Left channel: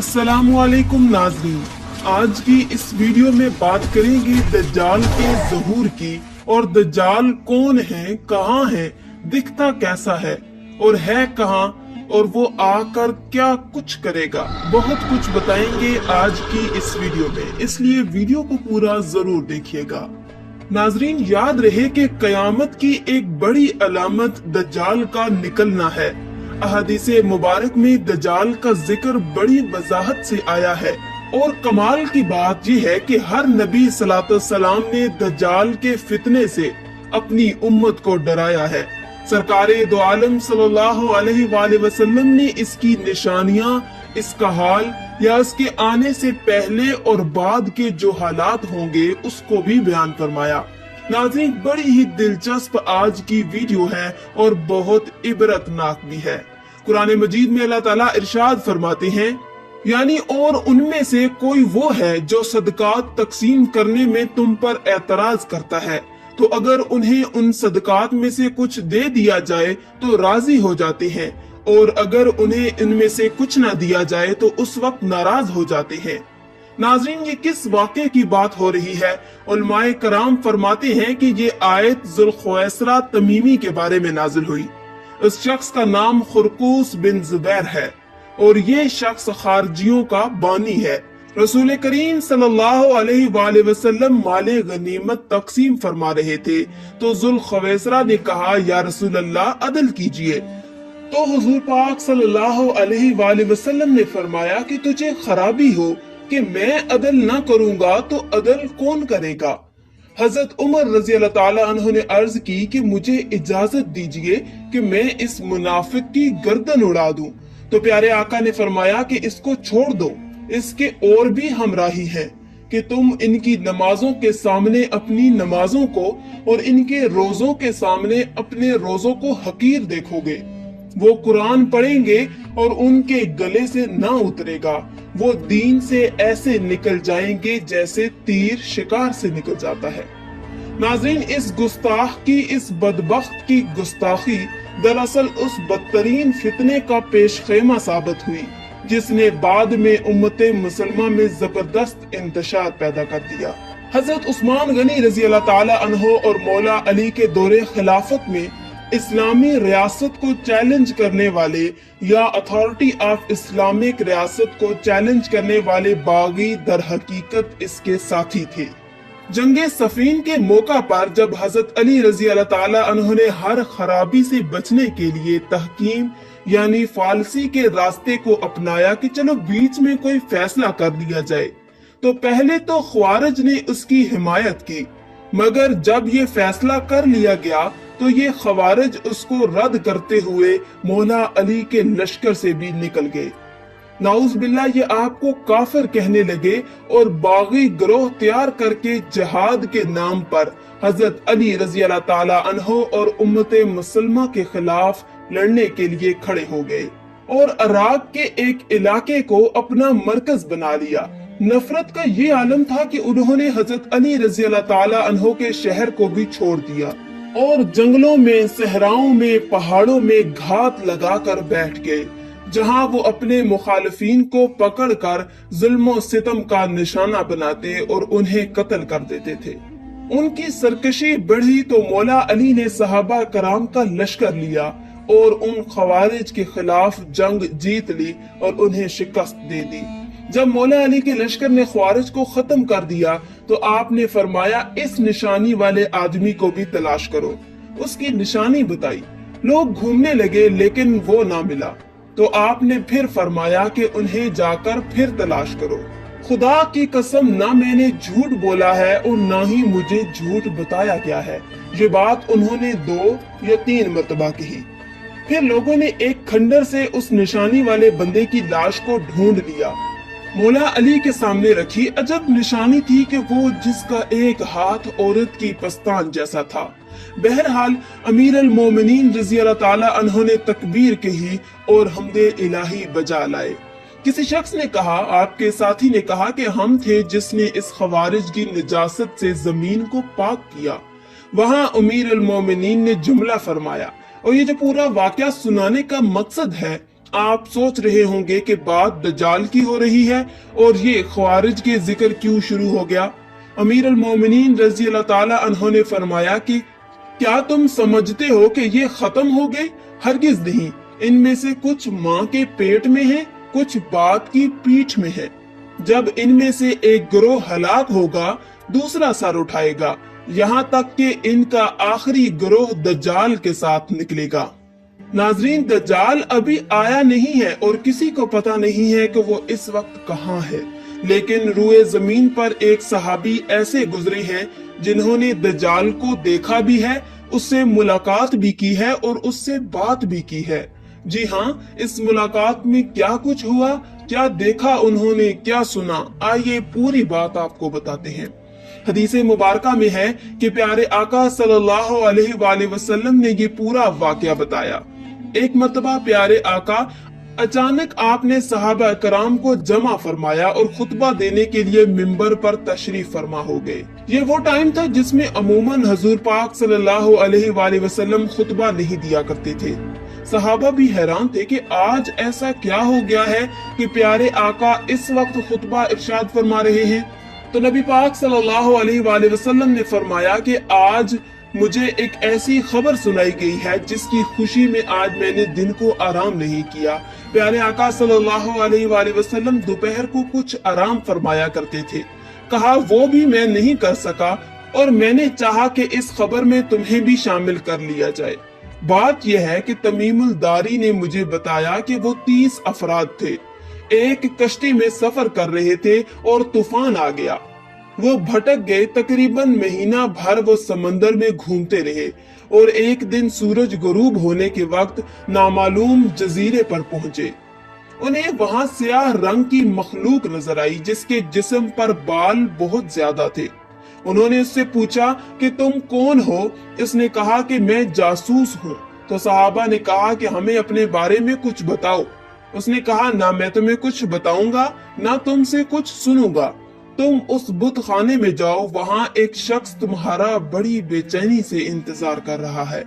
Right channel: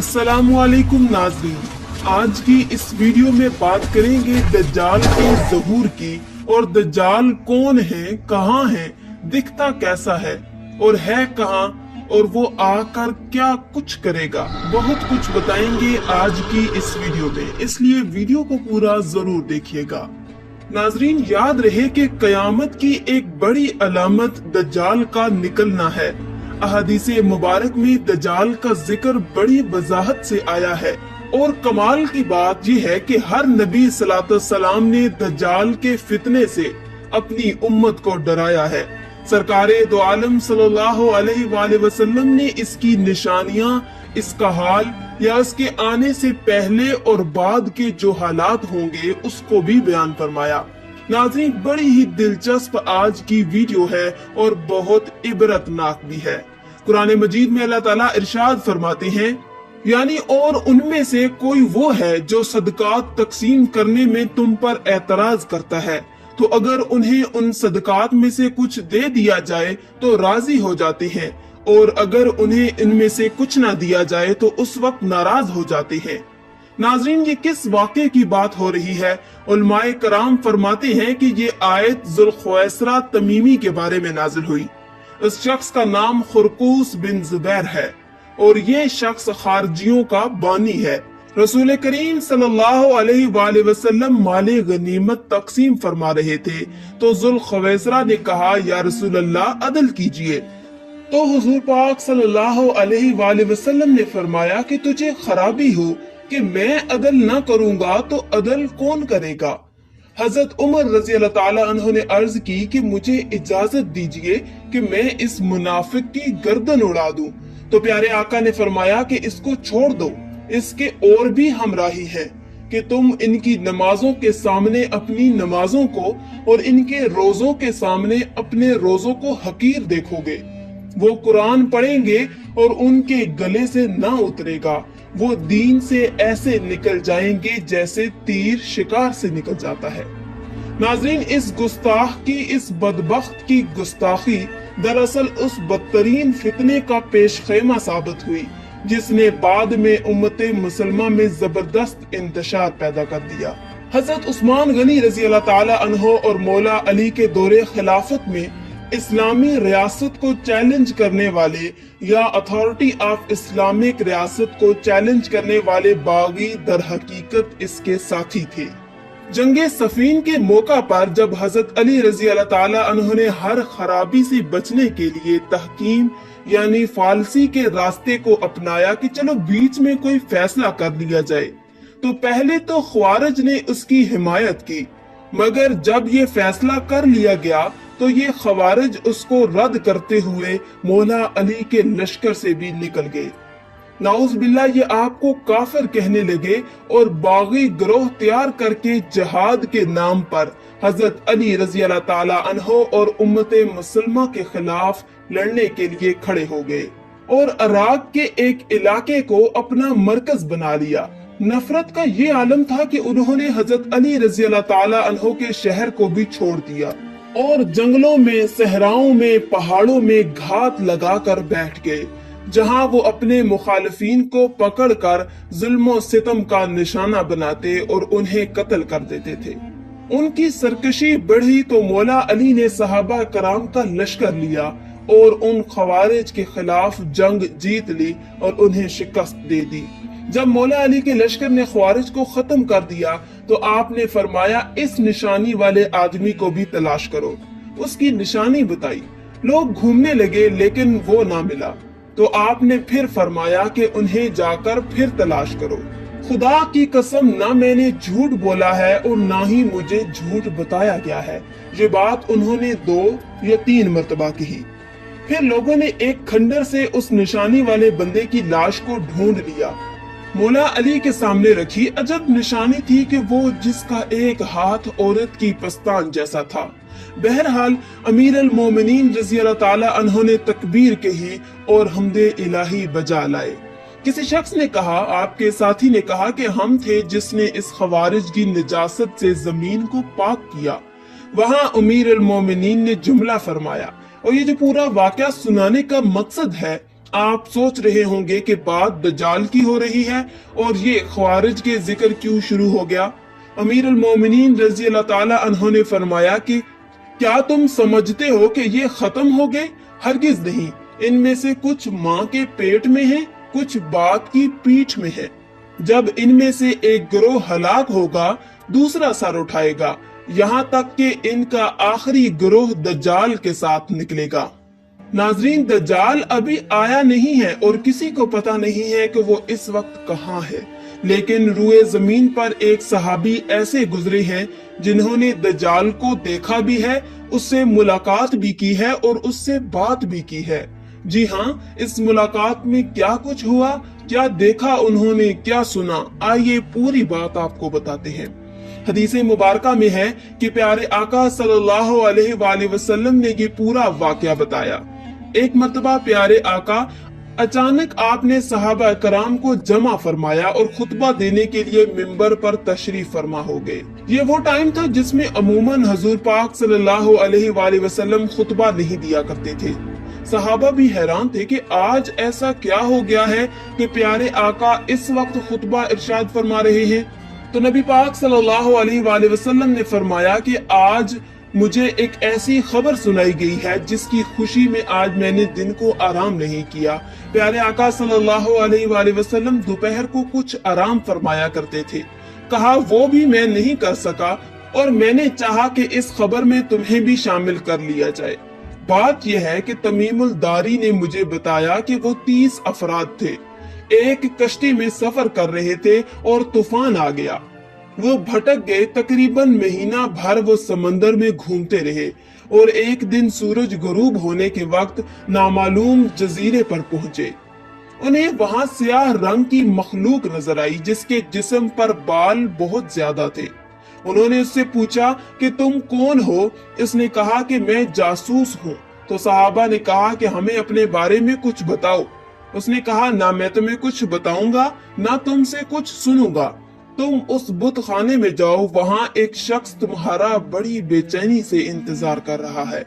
अस्सलामुअलैकुम नाज़रीन, आज की इस वीडियो में बात करेंगे दज्जाल के ज़हूर की और दज्जाल कौन है, कहाँ है, दिखता कैसा है और है कहाँ और वो आकर क्या कुछ करेगा। बहुत कुछ बताएंगे आज की इस वीडियो में, इसलिए वीडियो को पूरा जरूर देखिएगा। नाजरीन, याद रहे कि कयामत की एक बड़ी अलामत दज्जाल का निकलना है। अहादीसे मुबारक में दज्जाल का जिक्र बड़ी वजाहत से आया है और कमाल की बात यह है कि हर नबी सलाम ने दज्जाल के फितने से अपनी उम्मत को डराया है। सरकारे दो आलम सल्लल्लाहु अलैहि वसल्लम ने इसकी निशानियां, इसका हाल या इसके आने से पहले और बाद के जो हालात होंगे उसको भी बयान फरमाया। नाज़रीन, बड़ी ही दिलचस्प आज की वीडियो है और बहुत इबरतनाक भी है। कुरान मजीद में अल्लाह ताला इरशाद फरमाते हैं, यानी और उनमें से कोई वो है जो सदकात तकसीम करने में तुम पर एतराज करता है, तो अगर उन्हें उन सदकात में से कुछ दे दिया जाए तो राजी हो जाते हैं, और अगर उन्हें इनमें से कुछ ना दिया जाए तो उस वक्त नाराज हो जाते हैं। नाज़रीन, ये किस वाक़े की बात हो रही है? उलमाए कराम फरमाते हैं कि ये आयत जुल्खुवैसरा तमीमी के बारे में नाजिल हुई। उस शख्स का नाम खुरकूस बिन जुबैर है और ये शख्स खारजियों का बानी है। रसूल करीम सल्लल्लाहु अलैहि वसल्लम माले गनीमत तकसीम फरमा रहे थे तो जुल्खुवैसरा ने कहा, या रसूल अल्लाह, अदल कीजिए। तो हुजूर पाक सल्लल्लाहु अलैहि वसल्लम ने फरमाया कि तुझे खराबी हो कि मैं अदल न करूंगा तो अदल कौन करेगा। हजरत उमर रजी अल्लाह ताला अन्हु ने अर्ज की कि मुझे इजाजत दीजिए कि मैं इस मुनाफिक की गर्दन उड़ा दूं। तो प्यारे आका ने फरमाया कि इसको छोड़ दो, इसके और भी हमराही है कि तुम इनकी नमाजों के सामने अपनी नमाजों को और इनके रोजों के सामने अपने रोजों को हकीर देखोगे। वो कुरान पढ़ेंगे और उनके गले से न उतरेगा, वो दीन से ऐसे निकल जाएंगे जैसे तीर शिकार से निकल जाता है। नाज़रीन, इस गुस्ताख की, इस बदबख्त की गुस्ताखी दरअसल उस बदतरीन फितने का पेश खैमा साबित हुई जिसने बाद में उम्मते मुसलमा में जबरदस्त इंतशार पैदा कर दिया। हजरत उस्मान गनी रजी अल्लाह ताला अन्हो और मौला अली के दौरे खिलाफत में इस्लामी रियासत को चैलेंज करने वाले या अथॉरिटी ऑफ इस्लामिक रियासत को चैलेंज करने वाले बागी दर हकीकत इसके साथी थे। जंगे सफीन के मौका पर जब हजरत अली रजी अल्लाह ताला अन्हो ने हर खराबी से बचने के लिए तहकीम यानी फालसी के रास्ते को अपनाया कि चलो बीच में कोई फैसला कर लिया जाए, तो पहले तो ख्वारिज ने उसकी हिमायत की, मगर जब ये फैसला कर लिया गया तो ये खवारिज उसको रद्द करते हुए मौला अली के लश्कर से भी निकल गए। नाउज़ बिल्लाह, ये आपको काफिर कहने लगे और बागी गिरोह तैयार करके जिहाद के नाम पर हजरत अली रजी अल्लाह ताला अन्हो और उम्मते मुसलमा के खिलाफ लड़ने के लिए खड़े हो गए और अराब के एक इलाके को अपना मरकज बना लिया। नफरत का ये आलम था कि उन्होंने हजरत अली रजी अल्लाह ताला अन्हो के शहर को भी छोड़ दिया और जंगलों में, सहराओं में, पहाड़ों में घात लगाकर बैठ गए, जहां वो अपने मुखालिफिन को पकड़कर जुल्म और सितम का निशाना बनाते और उन्हें कत्ल कर देते थे। उनकी सरकशी बढ़ी तो मौला अली ने सहाबा कराम का लश्कर लिया और उन खवारिज के खिलाफ जंग जीत ली और उन्हें शिकस्त दे दी। जब मौला अली के लश्कर ने ख्वारिज को खत्म कर दिया तो आपने फरमाया, इस निशानी वाले आदमी को भी तलाश करो। उसकी निशानी बताई, लोग घूमने लगे लेकिन वो ना मिला। तो आपने फिर फरमाया कि उन्हें जाकर फिर तलाश करो। खुदा की कसम, ना मैंने झूठ बोला है और ना ही मुझे झूठ बताया गया है। ये बात उन्होंने 2 या 3 मरतबा कही। फिर लोगों ने एक खंडर से उस निशानी वाले बंदे की लाश को ढूंढ लिया, मौला अली के सामने रखी। अजब निशानी थी कि वो जिसका एक हाथ औरत की पस्तान जैसा था। बहरहाल अमीर अल मोमिनीन रजी अल्लाह ताला अन्हो ने तकबीर कही और हमदे इलाही बजा लाए। किसी शख्स ने कहा, आपके साथी ने कहा कि हम थे जिसने इस खवारिज की निजासत से जमीन को पाक किया। वहाँ अमीर अल मोमिनीन ने जुमला फरमाया और ये जो पूरा वाकया सुनाने का मकसद है आप सोच रहे होंगे कि बात दज्जाल की हो रही है और ये ख्वारिज के जिक्र क्यों शुरू हो गया। अमीर अल मोमिनीन रज़ी अल्लाह ताला अन्हु ने फरमाया कि क्या तुम समझते हो कि ये खत्म हो गए? हरगिज नहीं। इनमें से कुछ माँ के पेट में है, कुछ बाप की पीठ में है। जब इनमें से एक गिरोह हलाक होगा, दूसरा सर उठाएगा, यहाँ तक कि इनका आखिरी गिरोह दज्जाल के साथ निकलेगा। नाजरीन, दज्जाल अभी आया नहीं है और किसी को पता नहीं है कि वो इस वक्त कहाँ है, लेकिन रूए जमीन पर एक सहाबी ऐसे गुजरे हैं जिन्होंने दज्जाल को देखा भी है, उससे मुलाकात भी की है और उससे बात भी की है। जी हाँ, इस मुलाकात में क्या कुछ हुआ, क्या देखा उन्होंने, क्या सुना, आइए पूरी बात आपको बताते हैं। हदीस मुबारका में है कि प्यारे आका सल्लल्लाहु अलैहि वसल्लम ने ये पूरा वाकया बताया। एक मर्तबा प्यारे आका अचानक आपने सहाबा कराम को जमा फरमाया और खुतबा देने के लिए मिंबर पर तशरीफ फरमा हो गए। ये वो टाइम था जिसमें अमूमन हजूर पाक सल्लल्लाहु अलैहि वसल्लम खुतबा नहीं दिया करते थे। सहाबा भी हैरान थे कि आज ऐसा क्या हो गया है कि प्यारे आका इस वक्त खुतबा इरशाद फरमा रहे हैं। तो नबी पाक सल्लल्लाहु अलैहि वसल्लम ने फरमाया कि आज मुझे एक ऐसी खबर सुनाई गई है जिसकी खुशी में आज मैंने दिन को आराम नहीं किया। प्यारे आका सल्लल्लाहु अलैहि वसल्लम दोपहर को कुछ आराम फरमाया करते थे। कहा वो भी मैं नहीं कर सका और मैंने चाहा कि इस खबर में तुम्हें भी शामिल कर लिया जाए। बात यह है कि तमीमुल दारी ने मुझे बताया कि वो 30 अफराद थे, एक कश्ती में सफर कर रहे थे और तूफान आ गया। वो भटक गए, तकरीबन महीना भर वो समंदर में घूमते रहे और एक दिन सूरज गुरूब होने के वक्त नामालूम जजीरे पर पहुंचे। उन्हें वहां स्याह रंग की मखलूक नजर आई जिसके जिस्म पर बाल बहुत ज्यादा थे। उन्होंने उससे पूछा कि तुम कौन हो? इसने कहा कि मैं जासूस हूँ। तो सहाबा ने कहा कि हमें अपने बारे में कुछ बताओ। उसने कहा ना मैं तुम्हें कुछ बताऊंगा ना तुमसे कुछ सुनूंगा। तुम उस बुत खाने में जाओ, वहाँ एक शख्स तुम्हारा बड़ी बेचैनी से इंतजार कर रहा है,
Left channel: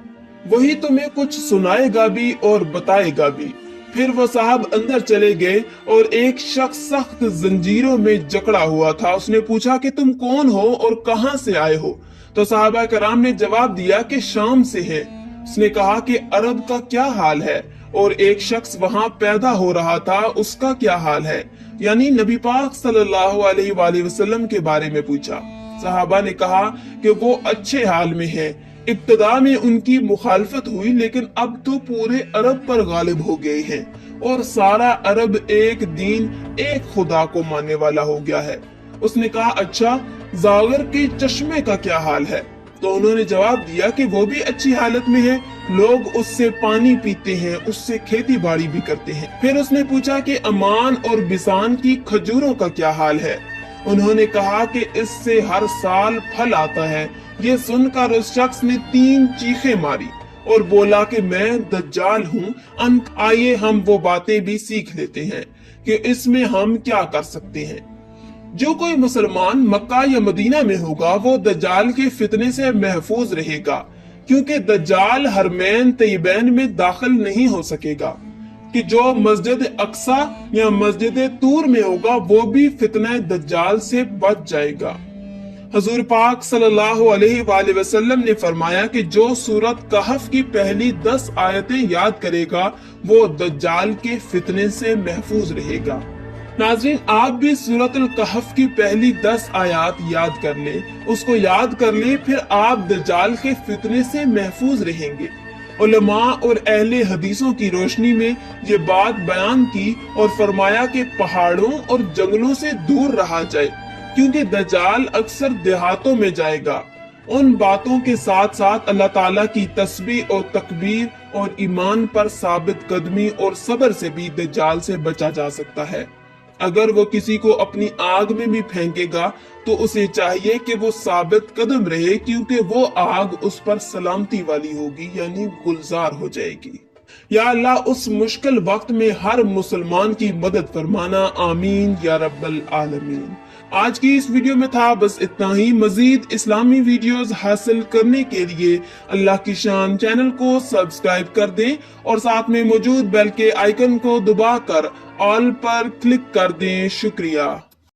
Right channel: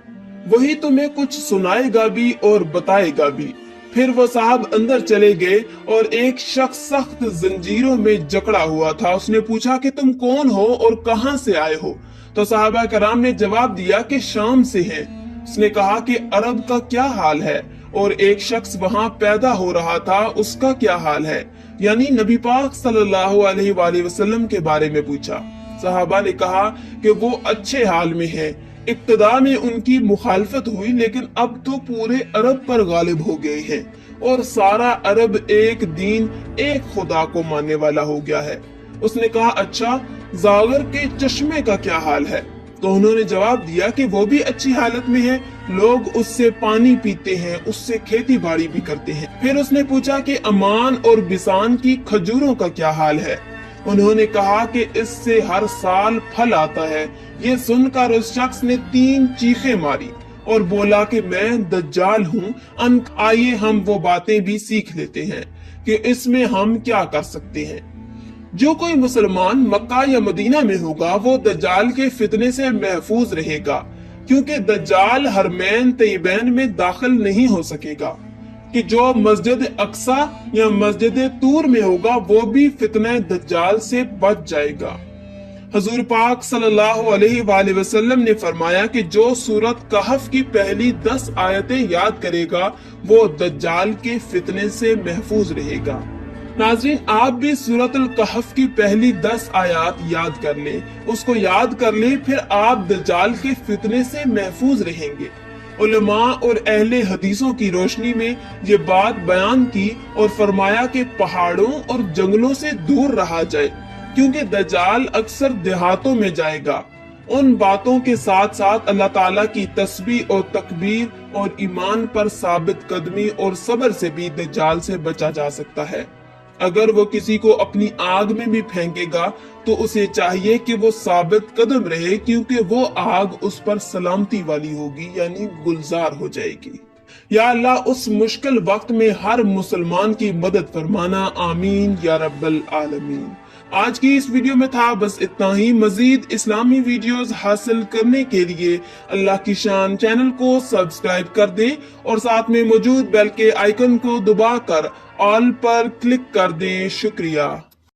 वही तुम्हें कुछ सुनाएगा भी और बताएगा भी। फिर वो साहब अंदर चले गए और एक शख्स सख्त जंजीरों में जकड़ा हुआ था। उसने पूछा कि तुम कौन हो और कहाँ से आए हो? तो साहबा कराम ने जवाब दिया कि शाम से हैं। उसने कहा कि अरब का क्या हाल है? और एक शख्स वहाँ पैदा हो रहा था, उसका क्या हाल है? यानी नबी पाक सल्लल्लाहु अलैहि वसल्लम के बारे में पूछा। साहबा ने कहा कि वो अच्छे हाल में हैं। इब्तिदा में उनकी मुखालफत हुई, लेकिन अब तो पूरे अरब पर गालिब हो गए हैं और सारा अरब एक दीन, एक खुदा को मानने वाला हो गया है। उसने कहा अच्छा, जागर के चश्मे का क्या हाल है? तो उन्होंने जवाब दिया कि वो भी अच्छी हालत में है, लोग उससे पानी पीते हैं, उससे खेती बाड़ी भी करते हैं। फिर उसने पूछा कि अमान और बिसान की खजूरों का क्या हाल है? उन्होंने कहा कि इससे हर साल फल आता है। ये सुनकर उस शख्स ने 3 चीखें मारी और बोला कि मैं दज्जाल हूँ। आइए हम वो बातें भी सीख लेते हैं कि इसमें हम क्या कर सकते हैं। जो कोई मुसलमान मक्का या मदीना में होगा वो दज्जाल के फितने से महफूज रहेगा, क्योंकि दज्जाल हरमैन तैयबैन में दाखिल नहीं हो सकेगा। कि जो मस्जिद अक्सा या मस्जिद तूर में होगा वो भी फितने दज्जाल से बच जाएगा। हजूर पाक सल्लल्लाहु अलैहि वसल्लम ने फरमाया कि जो सूरत कहफ की पहली 10 आयतें याद करेगा वो दज्जाल के फितने से महफूज रहेगा। नाज़रीन, आप भी सूरतुल कहफ की पहली 10 आयत याद कर ले, उसको याद कर ले, फिर आप दज्जाल के फितने से महफूज रहेंगे। उलमा और अहले हदीसों की रोशनी में ये बात बयान की और फरमाया कि पहाड़ों और जंगलों से दूर रहा जाए, क्योंकि दज्जाल अक्सर देहातों में जाएगा। उन बातों के साथ साथ अल्लाह ताला की तस्बीह और तकबीर और ईमान पर साबित कदमी और सब्र से भी दज्जाल से बचा जा सकता है। अगर वो किसी को अपनी आग में भी फेंकेगा तो उसे चाहिए कि वो साबित कदम रहे, क्योंकि वो आग उस पर सलामती वाली होगी, यानी गुलजार हो जाएगी। या अल्लाह उस मुश्किल वक्त में हर मुसलमान की मदद फरमाना, आमीन या रब्बल आलमीन। आज की इस वीडियो में था बस इतना ही। मजीद इस्लामी वीडियोस हासिल करने के लिए अल्लाह की शान चैनल को सब्सक्राइब कर दें और साथ में मौजूद बेल के आइकन को दबाकर ऑल पर क्लिक कर दें। शुक्रिया।